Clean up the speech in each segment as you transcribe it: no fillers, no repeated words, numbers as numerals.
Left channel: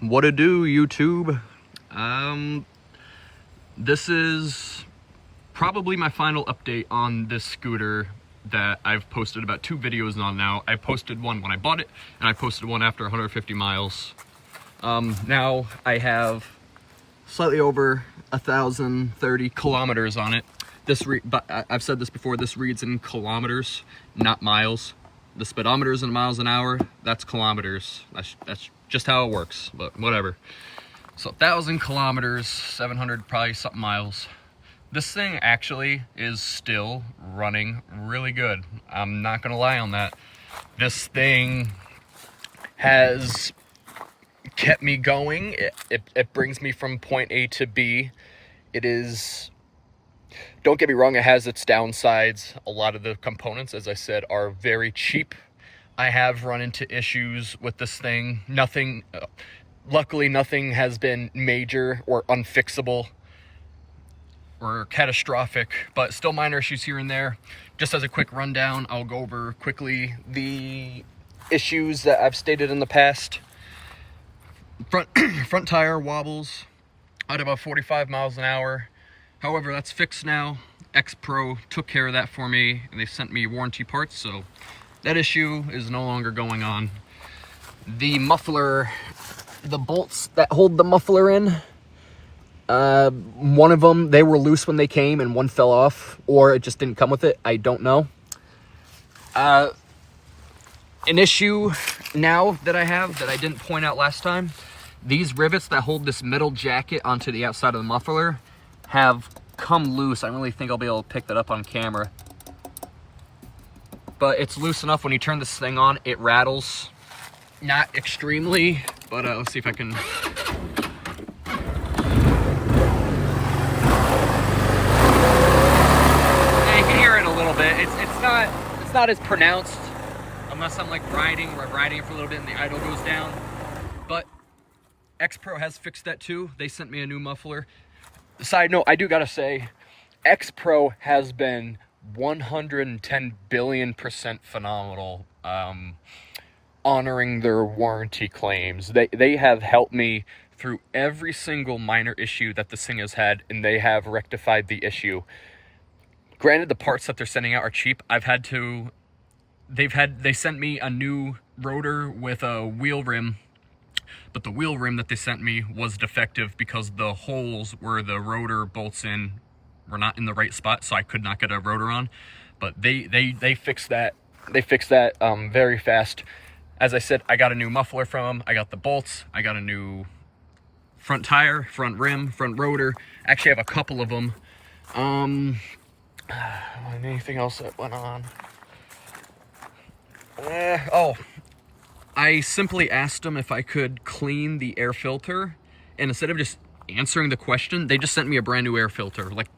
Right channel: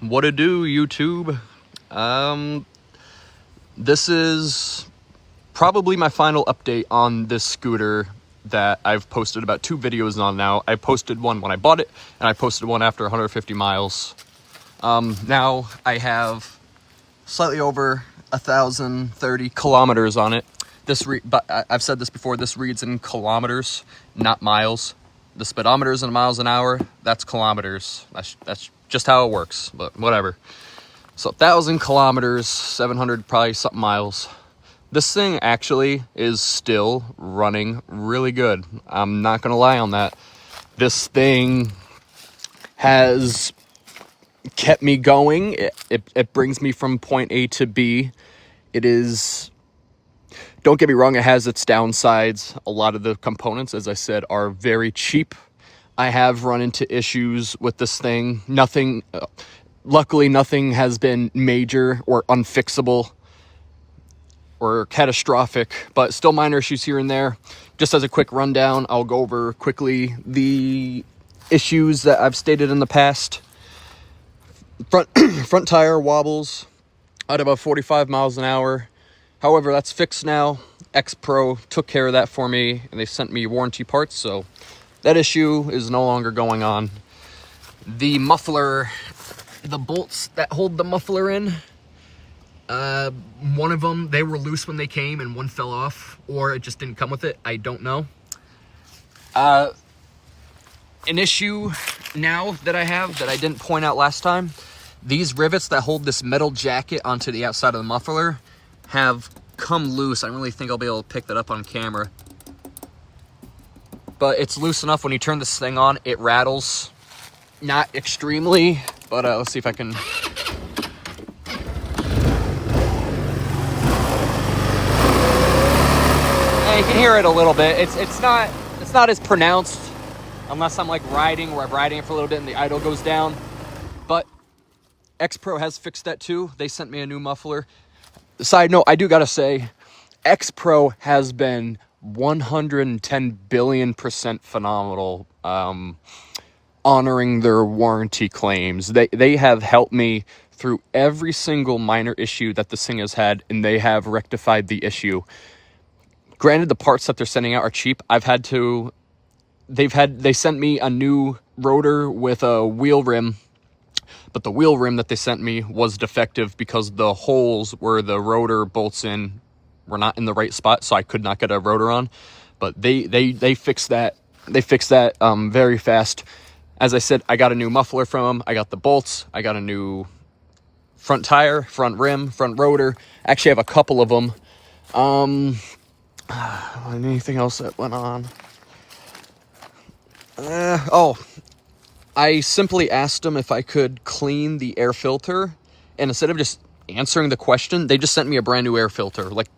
What to do, YouTube? This is probably my final update on this scooter that I've posted about 2 videos on now. I posted one when I bought it, and I posted one after 150 miles. Now I have slightly over 1,030 kilometers on it. But I've said this before, this reads in kilometers, not miles. The speedometer's in miles an hour, that's kilometers. That's just how it works, but whatever. So 1,000 kilometers, 700 probably something miles. This thing actually is still running really good. I'm not gonna lie on that. This thing has kept me going. It brings me from point A to B. It is, don't get me wrong, it has its downsides. A lot of the components, as I said, are very cheap. I have run into issues with this thing. Luckily nothing has been major or unfixable or catastrophic, but still minor issues here and there. Just as a quick rundown, I'll go over quickly the issues that I've stated in the past. Front tire wobbles at about 45 miles an hour. However, that's fixed now. X-Pro took care of that for me, and they sent me warranty parts, so that issue is no longer going on. The muffler, the bolts that hold the muffler in, one of them, they were loose when they came and one fell off, or it just didn't come with it. I don't know. An issue now that I have that I didn't point out last time, these rivets that hold this metal jacket onto the outside of the muffler have come loose. I don't really think I'll be able to pick that up on camera, but it's loose enough. When you turn this thing on, it rattles. Not extremely, but let's see if I can. Yeah, you can hear it a little bit. It's not as pronounced unless I'm like riding, where I'm riding it for a little bit and the idle goes down. But X-Pro has fixed that too. They sent me a new muffler. Side note, I do gotta say, X-Pro has been 110 billion% phenomenal, honoring their warranty claims. They have helped me through every single minor issue that this thing has had, and they have rectified the issue. Granted, the parts that they're sending out are cheap. They sent me a new rotor with a wheel rim, but the wheel rim that they sent me was defective because the holes where the rotor bolts in were not in the right spot, so I could not get a rotor on. But they fixed that. They fixed that very fast. As I said, I got a new muffler from them. I got the bolts. I got a new front tire, front rim, front rotor. Actually, I have a couple of them. Anything else that went on? I simply asked them if I could clean the air filter, and instead of just answering the question, they just sent me a brand new air filter. Like,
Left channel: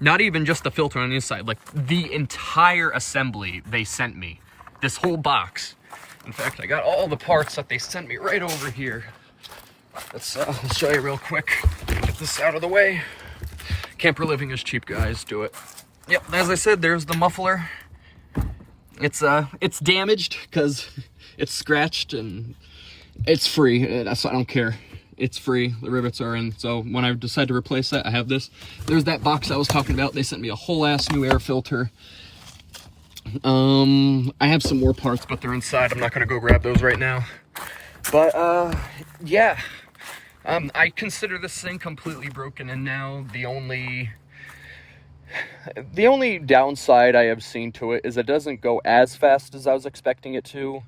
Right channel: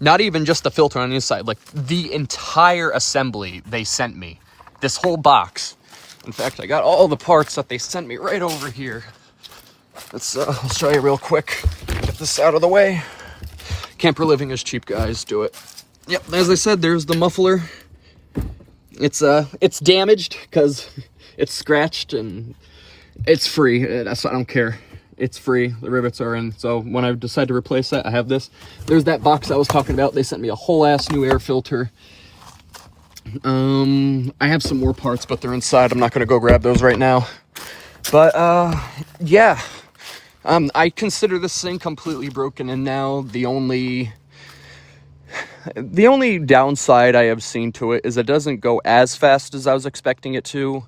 not even just the filter on the inside, like the entire assembly they sent me. This whole box. In fact, I got all the parts that they sent me right over here. I'll show you real quick. Get this out of the way. Camper living is cheap, guys. Do it. Yep, as I said, there's the muffler. It's damaged because it's scratched, and it's free. I don't care. It's free. The rivets are in. So when I decide to replace that, I have this. There's that box I was talking about. They sent me a whole ass new air filter. I have some more parts, but they're inside. I'm not going to go grab those right now. But yeah. I consider this thing completely broken, and now the only downside I have seen to it is it doesn't go as fast as I was expecting it to.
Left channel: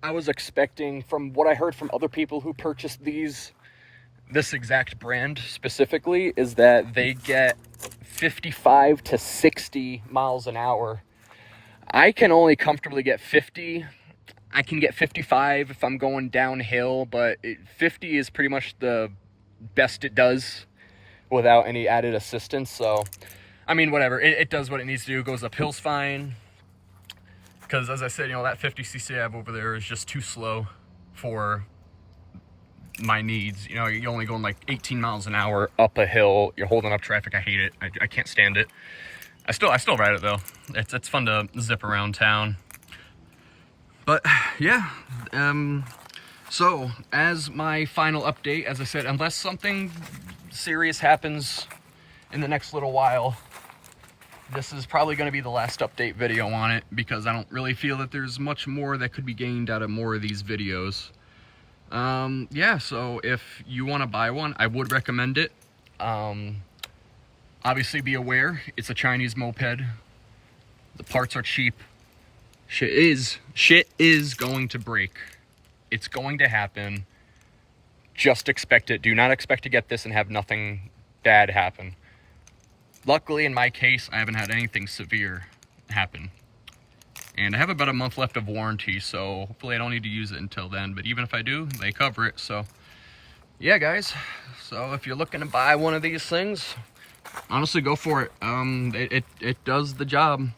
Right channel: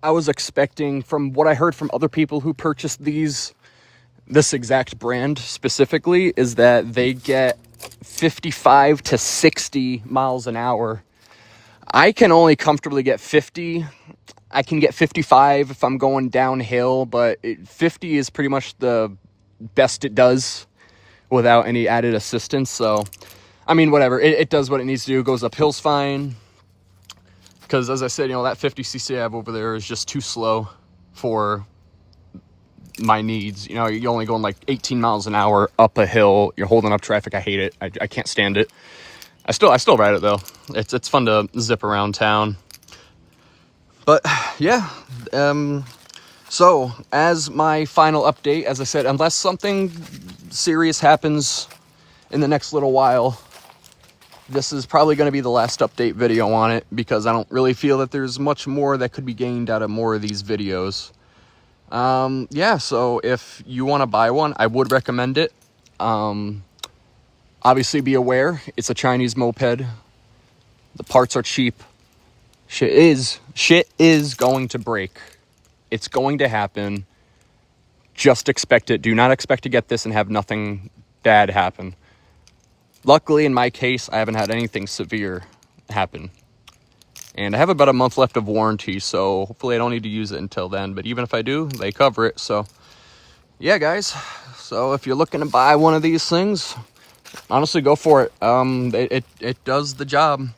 I was expecting, from what I heard from other people who purchased this exact brand specifically, is that they get 55 to 60 miles an hour. I can only comfortably get 50. I can get 55 if I'm going downhill, but 50 is pretty much the best it does without any added assistance. So, I mean, whatever. It does what it needs to do. It goes up hills fine. Because, as I said, that 50cc I have over there is just too slow for my needs. You're only going like 18 miles an hour up a hill. You're holding up traffic. I hate it. I can't stand it. I still ride it though. It's fun to zip around town. But yeah, So, as my final update, as I said, unless something serious happens in the next little while, this is probably going to be the last update video on it, because I don't really feel that there's much more that could be gained out of more of these videos. Yeah, so if you want to buy one, I would recommend it. Obviously be aware, it's a Chinese moped. The parts are cheap. Shit is going to break. It's going to happen. Just expect it. Do not expect to get this and have nothing bad happen. Luckily, in my case, I haven't had anything severe happen. And I have about a month left of warranty, so hopefully I don't need to use it until then. But even if I do, they cover it. So, yeah, guys. So if you're looking to buy one of these things, honestly, go for it. It does the job.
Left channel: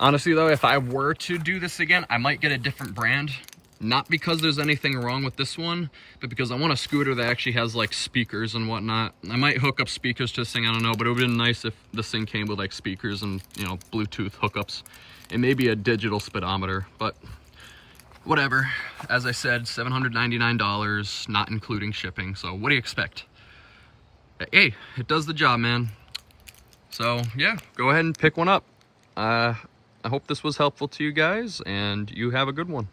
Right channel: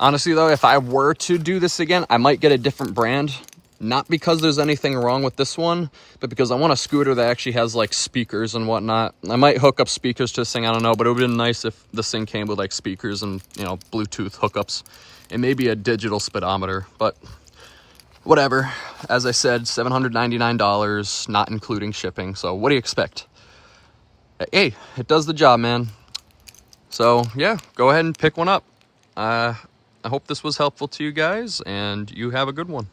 Honestly, though, if I were to do this again, I might get a different brand. Not because there's anything wrong with this one, but because I want a scooter that actually has, like, speakers and whatnot. I might hook up speakers to this thing, I don't know, but it would have been nice if this thing came with, like, speakers and, you know, Bluetooth hookups. And maybe a digital speedometer, but whatever. As I said, $799, not including shipping. So what do you expect? Hey, it does the job, man. So, yeah, go ahead and pick one up. I hope this was helpful to you guys, and you have a good one.